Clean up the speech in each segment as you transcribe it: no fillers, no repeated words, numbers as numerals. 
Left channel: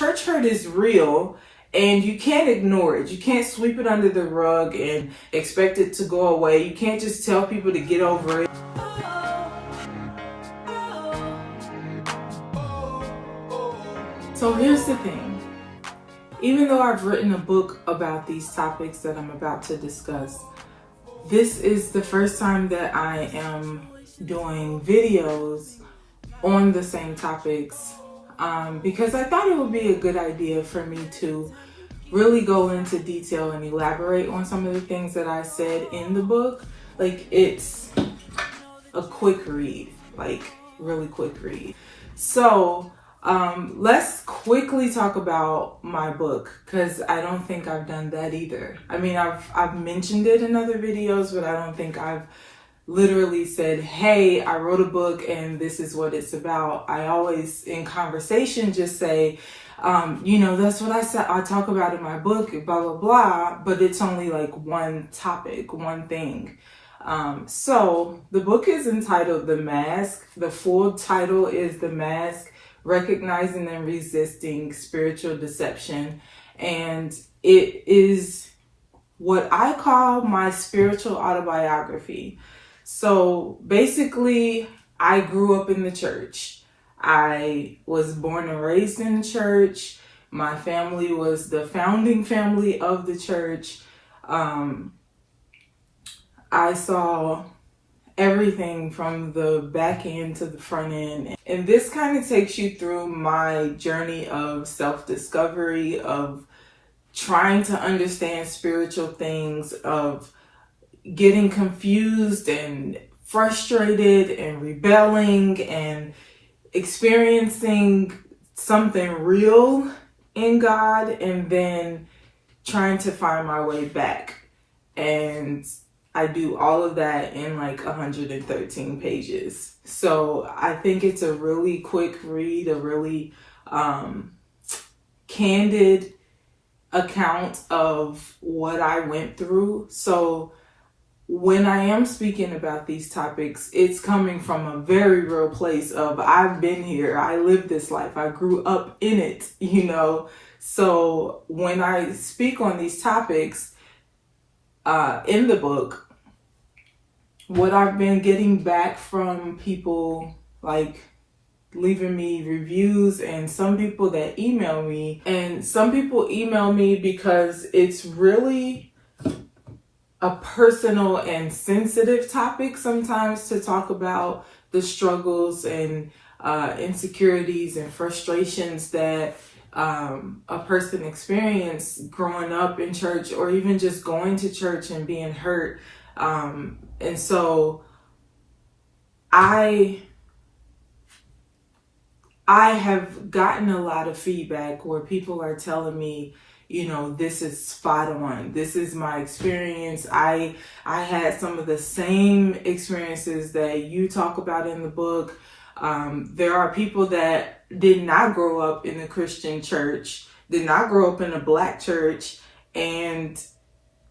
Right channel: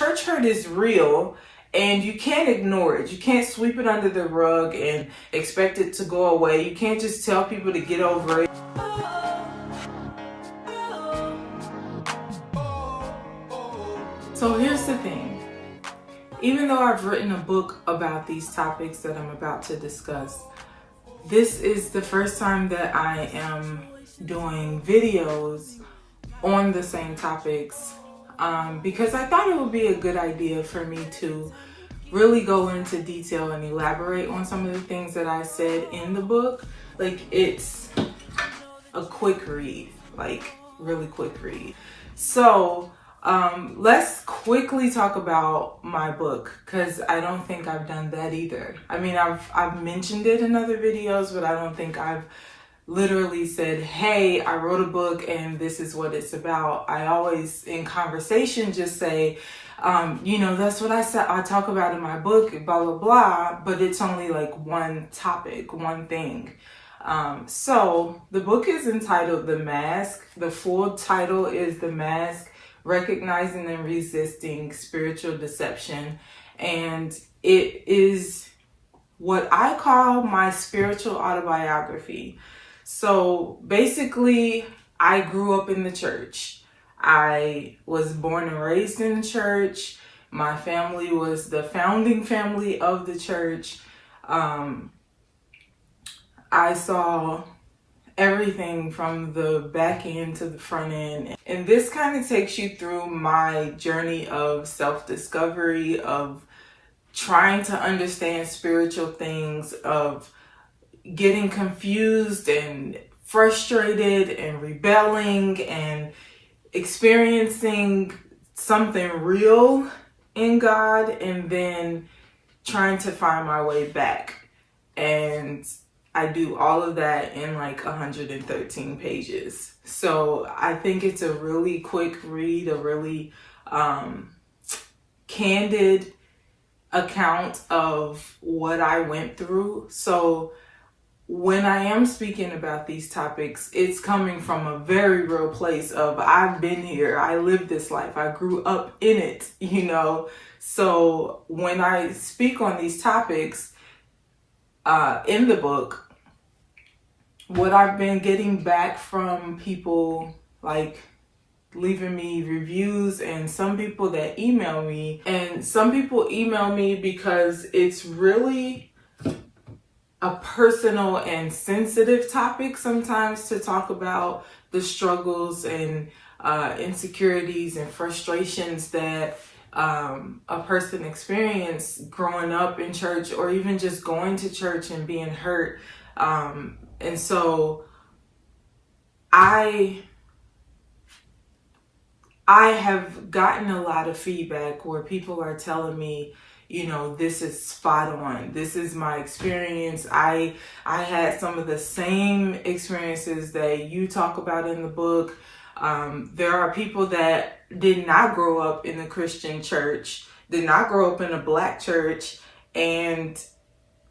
church hurt is real and you can't ignore it. You can't sweep it under the rug and expect it to go away. You can't just tell people to get over it. So here's the thing. Even though I've written a book about these topics that I'm about to discuss, this is the first time that I am doing videos on the same topics because I thought it would be a good idea for me to really go into detail and elaborate on some of the things that I said in the book. Like, it's a quick read, like really quick read. So let's quickly talk about my book, because I don't think I've done that either. I mean, I've mentioned it in other videos, but I don't think I've literally said, hey, I wrote a book and this is what it's about. I always in conversation just say, that's what I said, I talk about in my book, blah, blah, blah, but it's only like one topic, one thing. So the book is entitled The Mask. The full title is The Mask: Recognizing and Resisting Spiritual Deception. And it is what I call my spiritual autobiography. So basically, I grew up in the church. I was born and raised in church. My family was the founding family of the church. I saw everything from the back end to the front end. And this kind of takes you through my journey of self-discovery, of trying to understand spiritual things, of getting confused and frustrated and rebelling and experiencing something real in God, and then trying to find my way back. And I do all of that in like 113 pages. So I think it's a really quick read, a really candid account of what I went through. So when I am speaking about these topics, it's coming from a very real place of I've been here, I lived this life, I grew up in it, So when I speak on these topics in the book, what I've been getting back from people, like leaving me reviews, and some people that email me, and some people email me because it's really a personal and sensitive topic sometimes to talk about the struggles and insecurities and frustrations that a person experienced growing up in church, or even just going to church and being hurt. And so I have gotten a lot of feedback where people are telling me, this is spot on. This is my experience. I had some of the same experiences that you talk about in the book. There are people that did not grow up in a Christian church, did not grow up in a Black church, and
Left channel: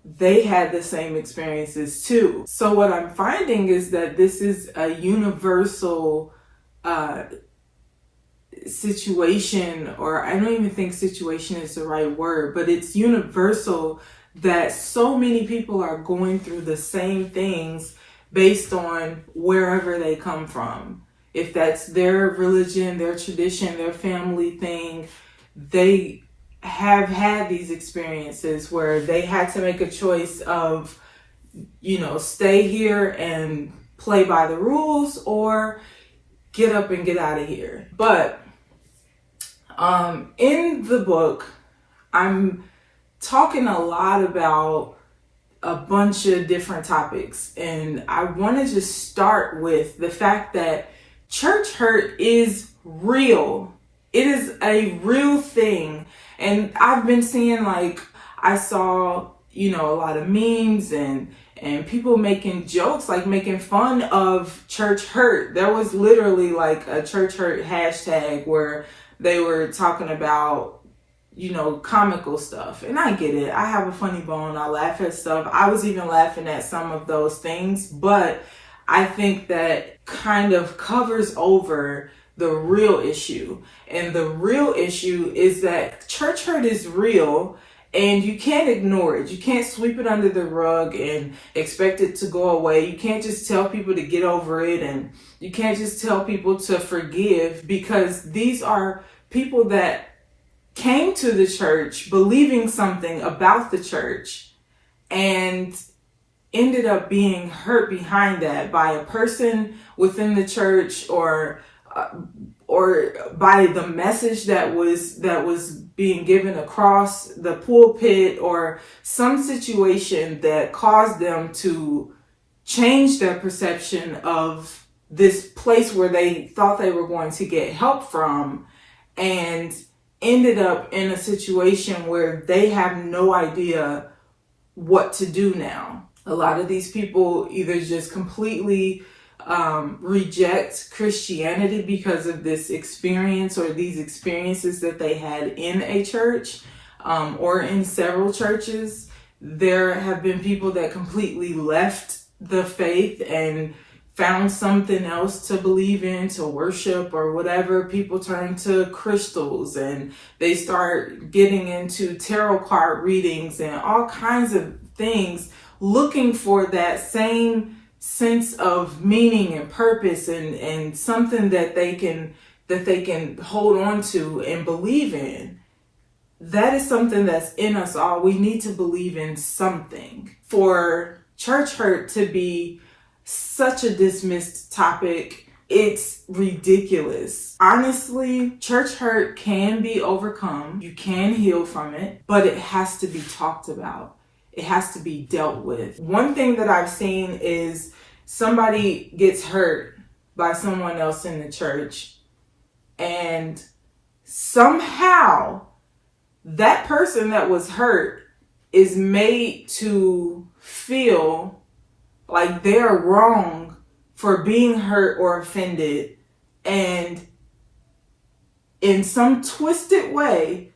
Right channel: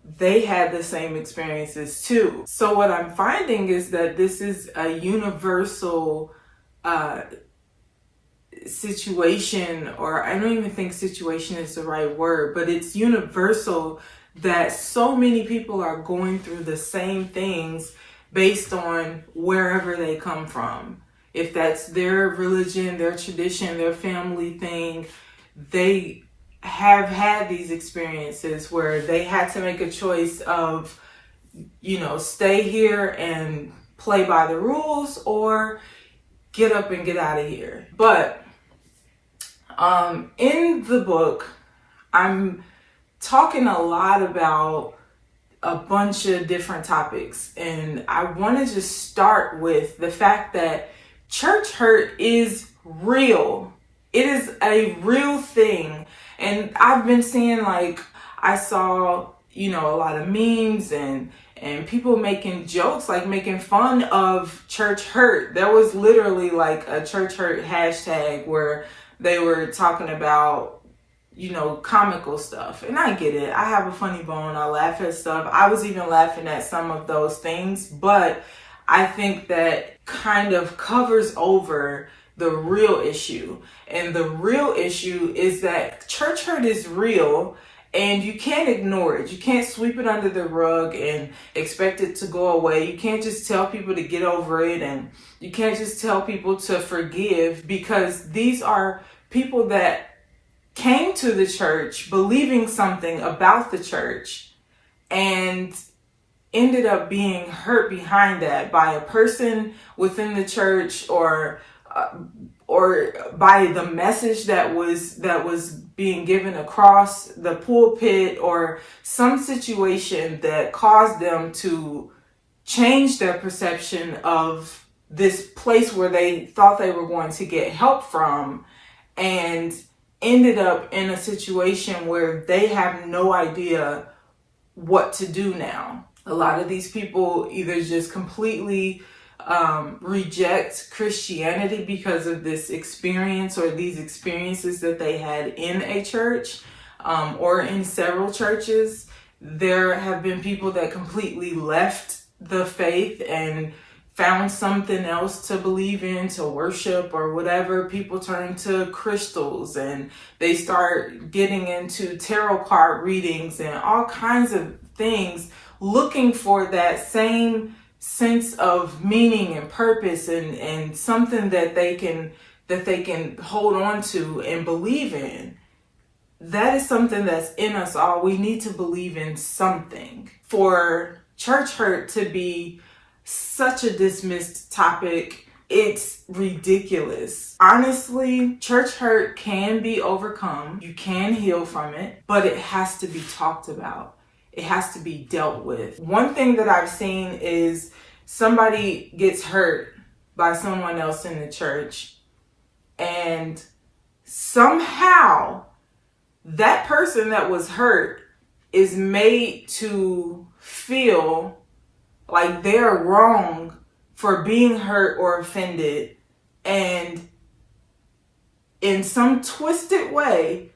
they had the same experiences too. So what I'm finding is that this is a universal situation, or I don't even think situation is the right word, but it's universal that so many people are going through the same things based on wherever they come from. If that's their religion, their tradition, their family thing, they have had these experiences where they had to make a choice of, stay here and play by the rules, or get up and get out of here. But in the book, I'm talking a lot about a bunch of different topics, and I want to just start with the fact that church hurt is real. It is a real thing. And I've been seeing, I saw, a lot of memes and people making jokes, making fun of church hurt. There was literally a church hurt hashtag where they were talking about, comical stuff. And I get it. I have a funny bone. I laugh at stuff. I was even laughing at some of those things. But I think that kind of covers over the real issue. And the real issue is that church hurt is real, and you can't ignore it. You can't sweep it under the rug and expect it to go away. You can't just tell people to get over it, and you can't just tell people to forgive, because these are people that came to the church believing something about the church and ended up being hurt behind that by a person within the church, or by the message that was being given across the pulpit, or some situation that caused them to change their perception of this place where they thought they were going to get help from, and ended up in a situation where they have no idea what to do now. A lot of these people either just completely reject Christianity because of this experience, or these experiences that they had in a church, or in several churches. There have been people that completely left the faith and found something else to believe in, to worship or whatever. People turn to crystals, and they start getting into tarot card readings and all kinds of things, looking for that same sense of meaning and purpose, and something that they can hold on to and believe in. That is something that's in us all. We need to believe in something. For church hurt to be such a dismissed topic, it's ridiculous. Honestly, church hurt can be overcome. You can heal from it, but it has to be talked about. It has to be dealt with. One thing that I've seen is somebody gets hurt by someone else in the church, and somehow that person that was hurt is made to feel like they're wrong for being hurt or offended, and in some twisted way,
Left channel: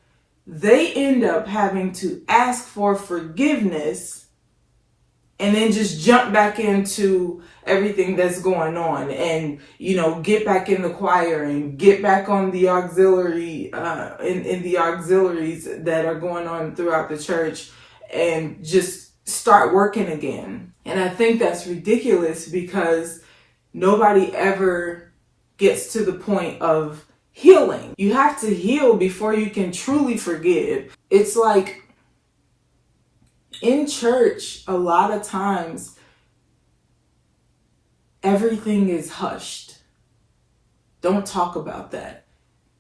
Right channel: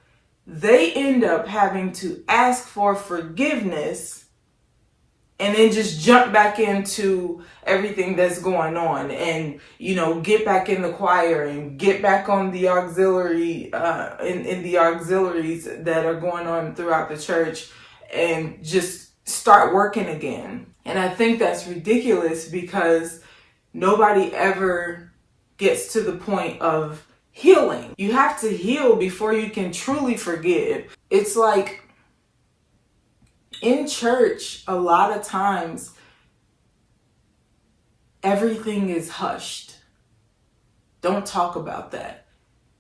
they end up having to ask for forgiveness and then just jump back into everything that's going on, and, get back in the choir and get back on the auxiliary, in the auxiliaries that are going on throughout the church, and just start working again. And I think that's ridiculous, because nobody ever gets to the point of healing. You have to heal before you can truly forgive. It's like in church, a lot of times, everything is hushed. Don't talk about that.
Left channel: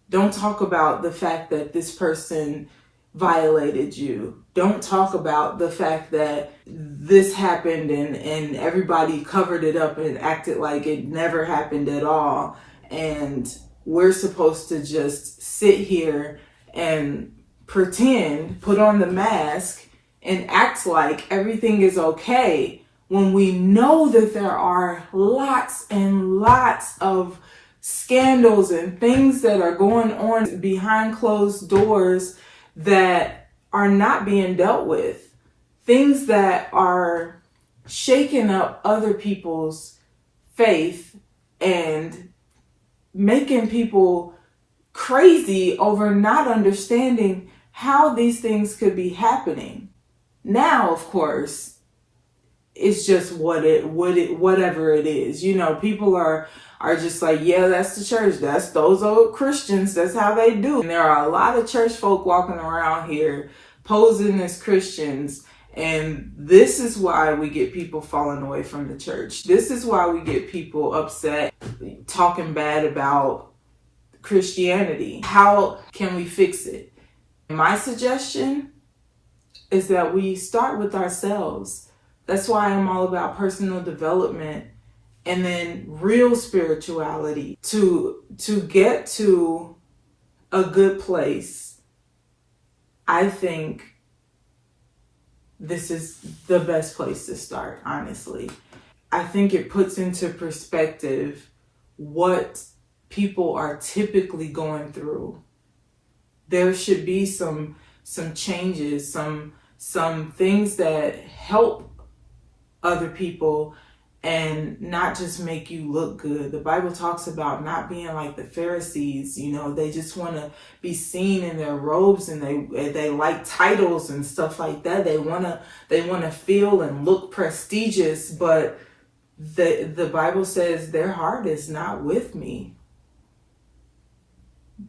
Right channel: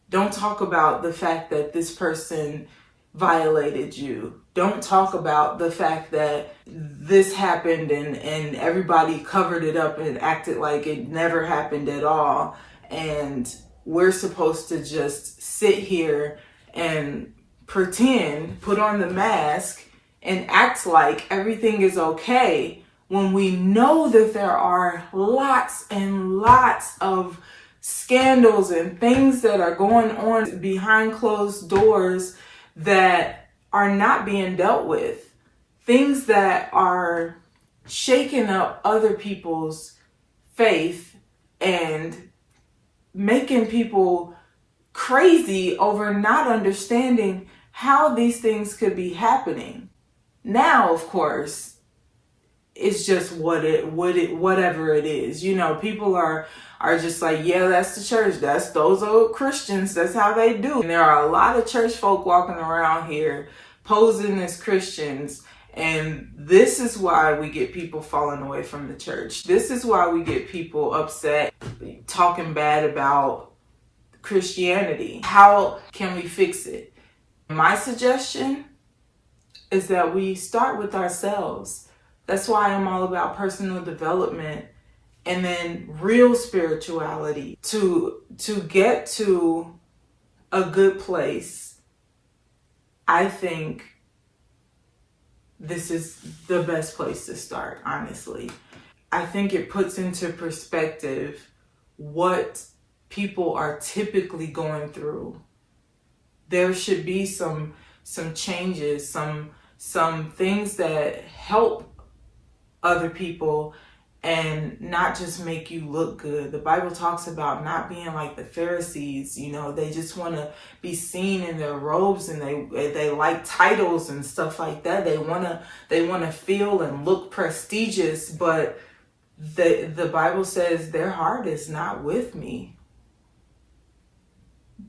Don't talk about the fact that this person violated you. Don't talk about the fact that this happened, and everybody covered it up and acted like it never happened at all. And we're supposed to just sit here and pretend, put on the mask, and act like everything is okay, when we know that there are lots and lots of scandals and things that are going on behind closed doors that are not being dealt with. Things that are shaking up other people's faith and making people crazy over not understanding how these things could be happening. Now, of course, it's just whatever it is. People are just like, yeah, that's the church. That's those old Christians. That's how they do. And there are a lot of church folk walking around here posing as Christians. And this is why we get people falling away from the church. This is why we get people upset, talking bad about Christianity. How can we fix it? My suggestion is that we start with ourselves. That's why I'm all about personal development, and then real spirituality to get to a good place. I think this is the best place to start, honestly. I think it puts into perspective what people are typically going through. There should be some changes, some things that help other people and not just make you look good. The Bible talks about not being like the Pharisees. They just want to be seen in their robes, and they like titles and stuff like that. They want to feel and look prestigious, but the Bible says their heart is not with me.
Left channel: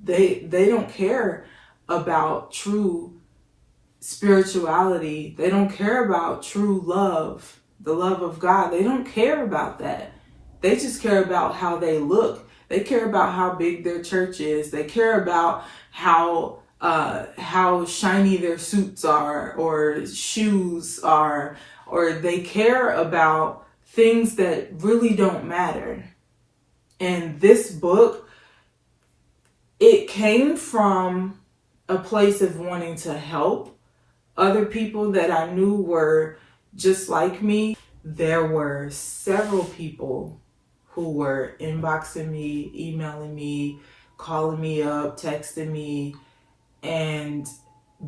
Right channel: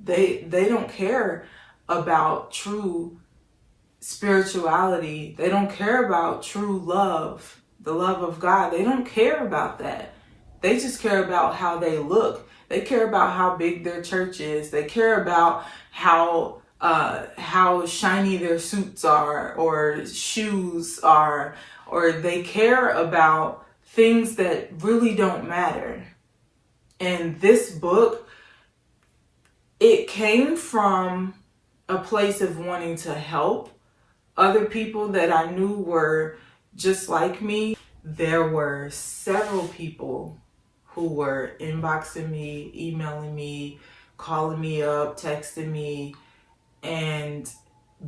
They don't care about true spirituality. They don't care about true love, the love of God. They don't care about that. They just care about how they look. They care about how big their church is. They care about how shiny their suits are or shoes are, or they care about things that really don't matter. And this book, it came from a place of wanting to help other people that I knew were just like me. There were several people who were inboxing me, emailing me, calling me up, texting me, and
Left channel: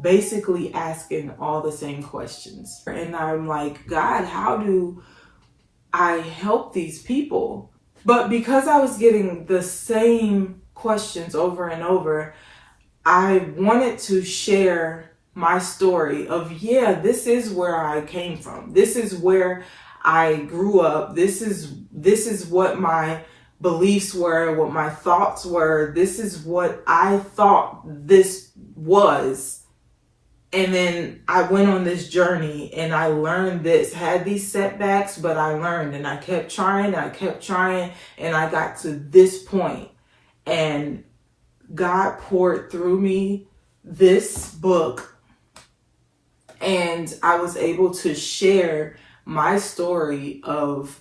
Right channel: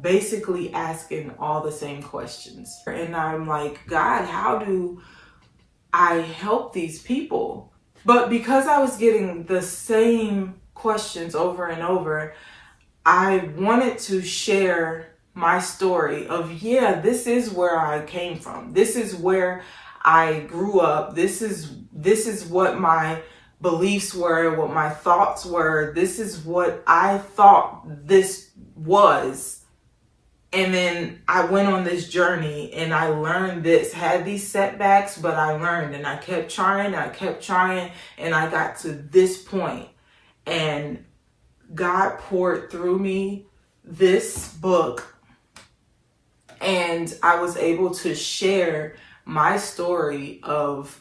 basically asking all the same questions. And I'm like, God, how do I help these people? But because I was getting the same questions over and over, I wanted to share my story of, this is where I came from. This is where I grew up. This is what my beliefs were, what my thoughts were. This is what I thought this was. And then I went on this journey and I learned this, had these setbacks, but I learned and I kept trying, and I got to this point. And God poured through me this book, and I was able to share my story of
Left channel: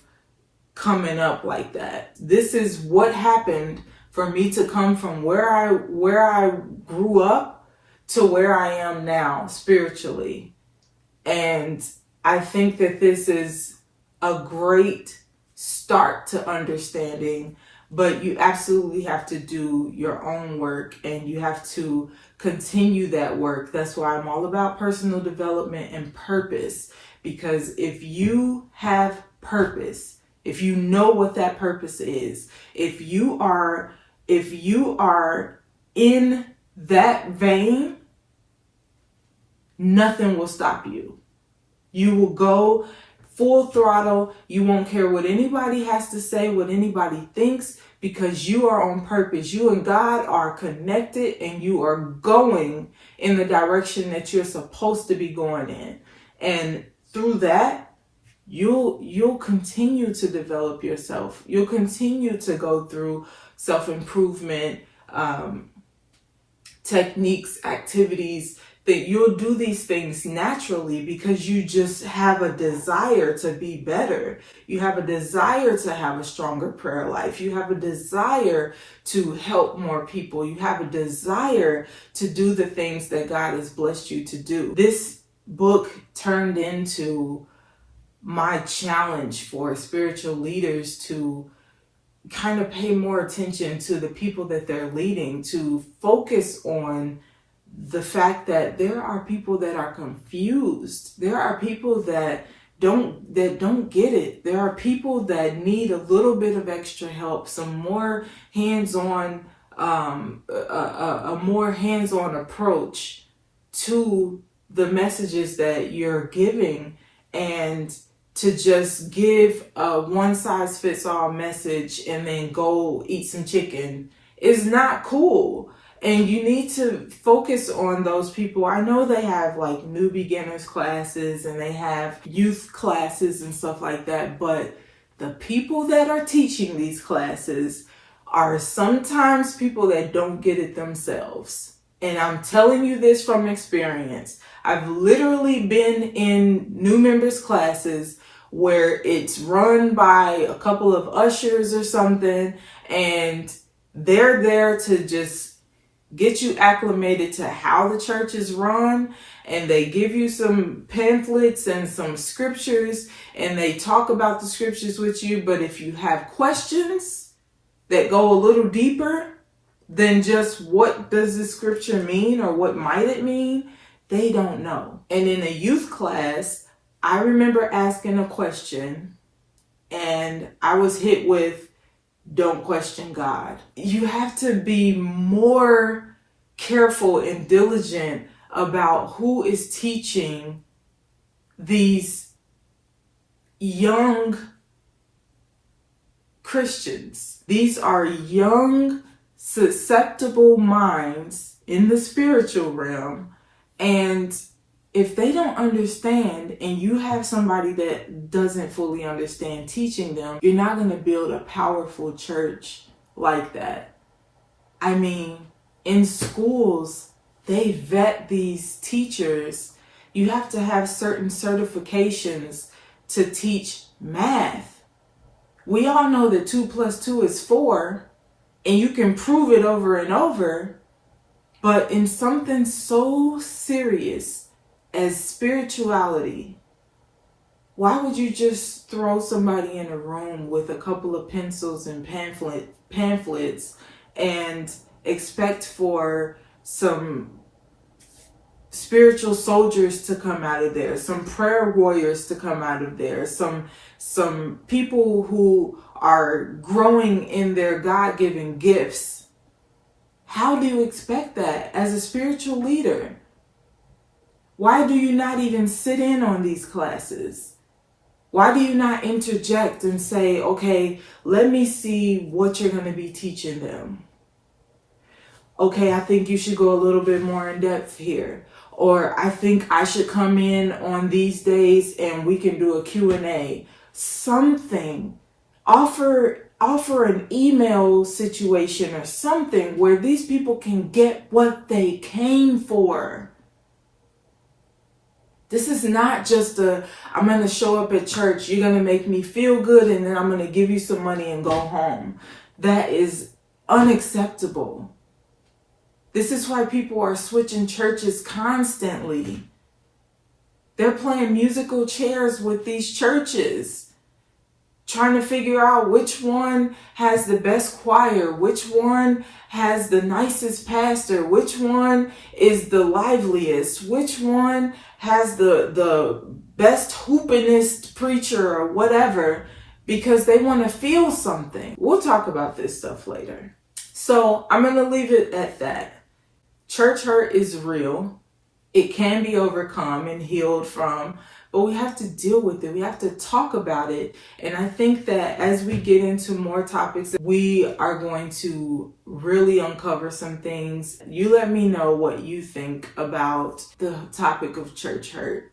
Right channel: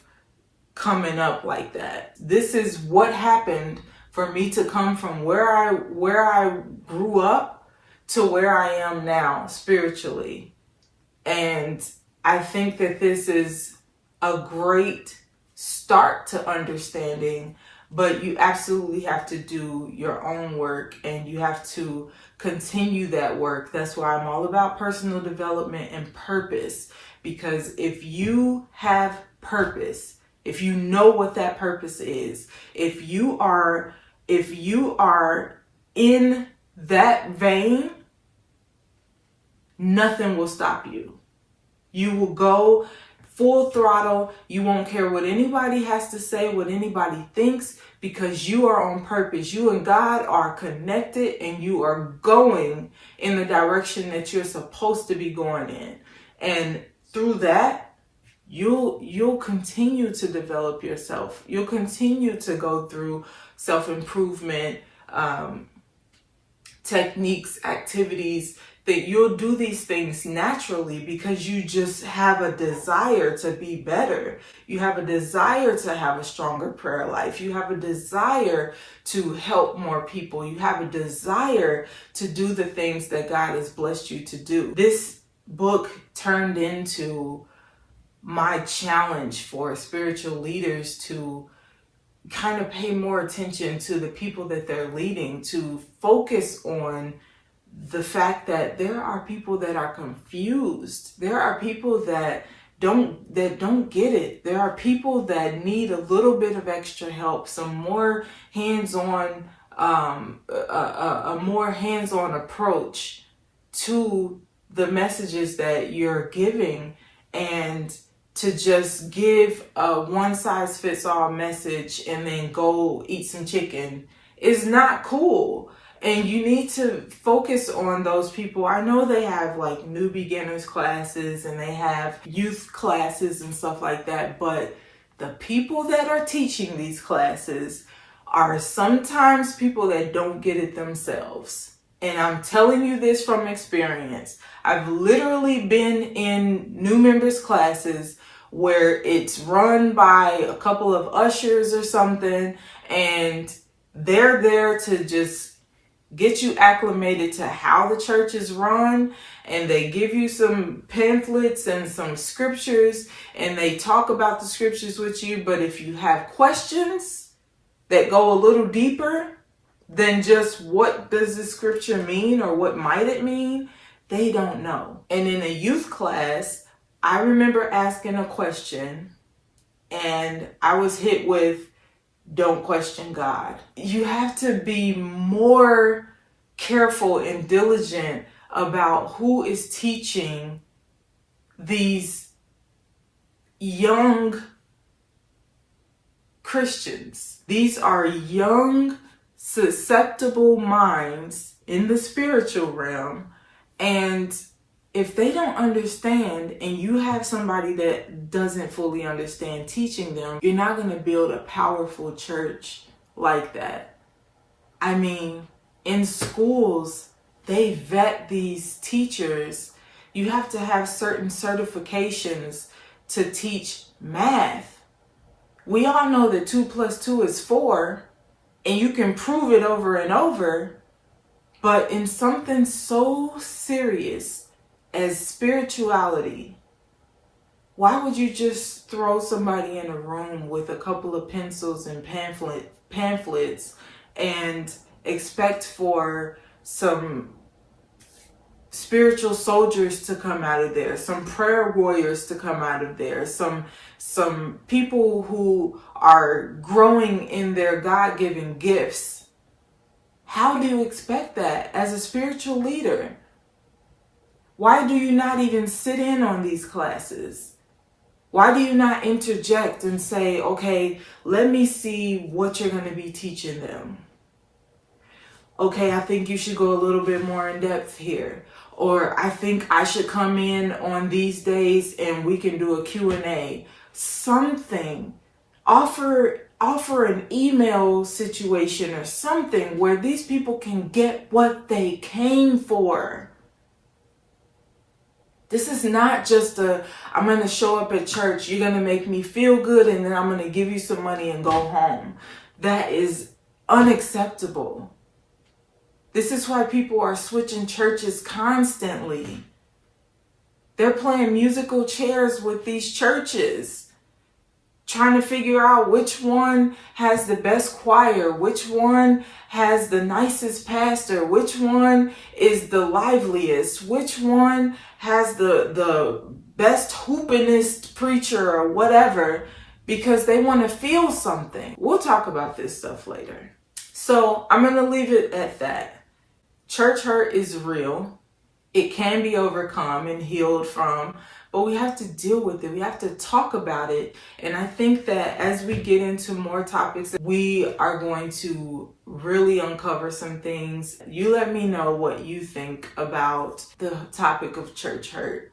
coming up like that. This is what happened for me to come from where I grew up to where I am now spiritually. And I think that this is a great start to understanding, but you absolutely have to do your own work, and you have to continue that work. That's why I'm all about personal development and purpose, because if you have purpose, if you know what that purpose is, if you are in that vein, nothing will stop you. You will go full throttle. You won't care what anybody has to say, what anybody thinks, because you are on purpose. You and God are connected, and you are going in the direction that you're supposed to be going in. And through that, you'll continue to develop yourself. You'll continue to go through self-improvement techniques, activities, that you'll do these things naturally because you just have a desire to be better. You have a desire to have a stronger prayer life. You have a desire to help more people. You have a desire to do the things that God has blessed you to do. This book turned into my challenge for spiritual leaders to kind of pay more attention to the people that they're leading, to focus on the fact that there are people that are confused. There are people that don't get it. There are people that need a little bit of extra help, some more hands-on, a more hands-on approach to the messages that you're giving, and to just give a one-size-fits-all message and then go eat some chicken is not cool. And you need to focus on those people. I know they have like new beginners classes and they have youth classes and stuff like that, but the people that are teaching these classes are sometimes people that don't get it themselves. And I'm telling you this from experience. I've literally been in new members classes where it's run by a couple of ushers or something, and they're there to just get you acclimated to how the church is run, and they give you some pamphlets and some scriptures, and they talk about the scriptures with you. But if you have questions that go a little deeper than just what does the scripture mean or what might it mean, they don't know. And in a youth class, I remember asking a question, and I was hit with, don't question God. You have to be more careful and diligent about who is teaching these young Christians. These are young, susceptible minds in the spiritual realm, and if they don't understand, and you have somebody that doesn't fully understand teaching them, you're not going to build a powerful church like that. I mean, in schools, they vet these teachers. You have to have certain certifications to teach math. We all know that 2 + 2 is 4, and you can prove it over and over. But in something so serious as spirituality, why would you just throw somebody in a room with a couple of pencils and pamphlets and expect for some spiritual soldiers to come out of there, some prayer warriors to come out of there, some people who are growing in their God-given gifts? How do you expect that as a spiritual leader? Why do you not even sit in on these classes? Why do you not interject and say, okay, let me see what you're going to be teaching them? Okay, I think you should go a little bit more in depth here. Or I think I should come in on these days and we can do a Q&A. Something. Offer an email situation or something where these people can get what they came for. This is not just I'm going to show up at church, you're going to make me feel good, and then I'm going to give you some money and go home. That is unacceptable. This is why people are switching churches constantly. They're playing musical chairs with these churches, trying to figure out which one has the best choir, which one has the nicest pastor, which one is the liveliest, which one has the best hoopinest preacher or whatever, because they want to feel something. We'll talk about this stuff later. So I'm going to leave it at that. Church hurt is real. It can be overcome and healed from, but we have to deal with it. We have to talk about it. And I think that as we get into more topics, we are going to really uncover some things. You let me know what you think about the topic of church hurt.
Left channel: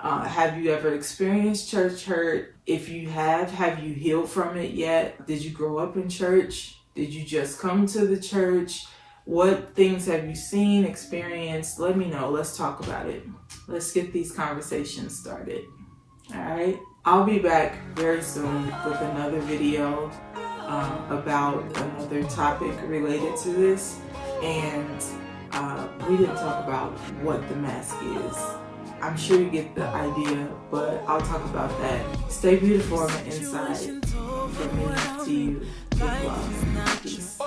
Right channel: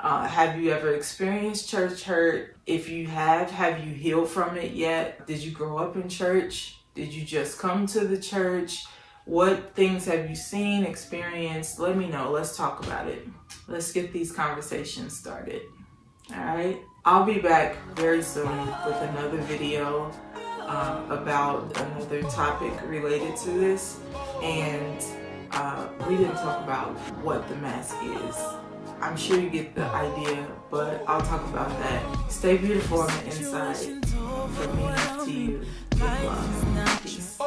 Have you ever experienced church hurt? If you have you healed from it yet? Did you grow up in church? Did you just come to the church? What things have you seen, experienced? Let me know. Let's talk about it. Let's get these conversations started. All right. I'll be back very soon with another video about another topic related to this. And we didn't talk about what the mask is. I'm sure you get the idea, but I'll talk about that. Stay beautiful on the inside. From me to you. With love. Peace.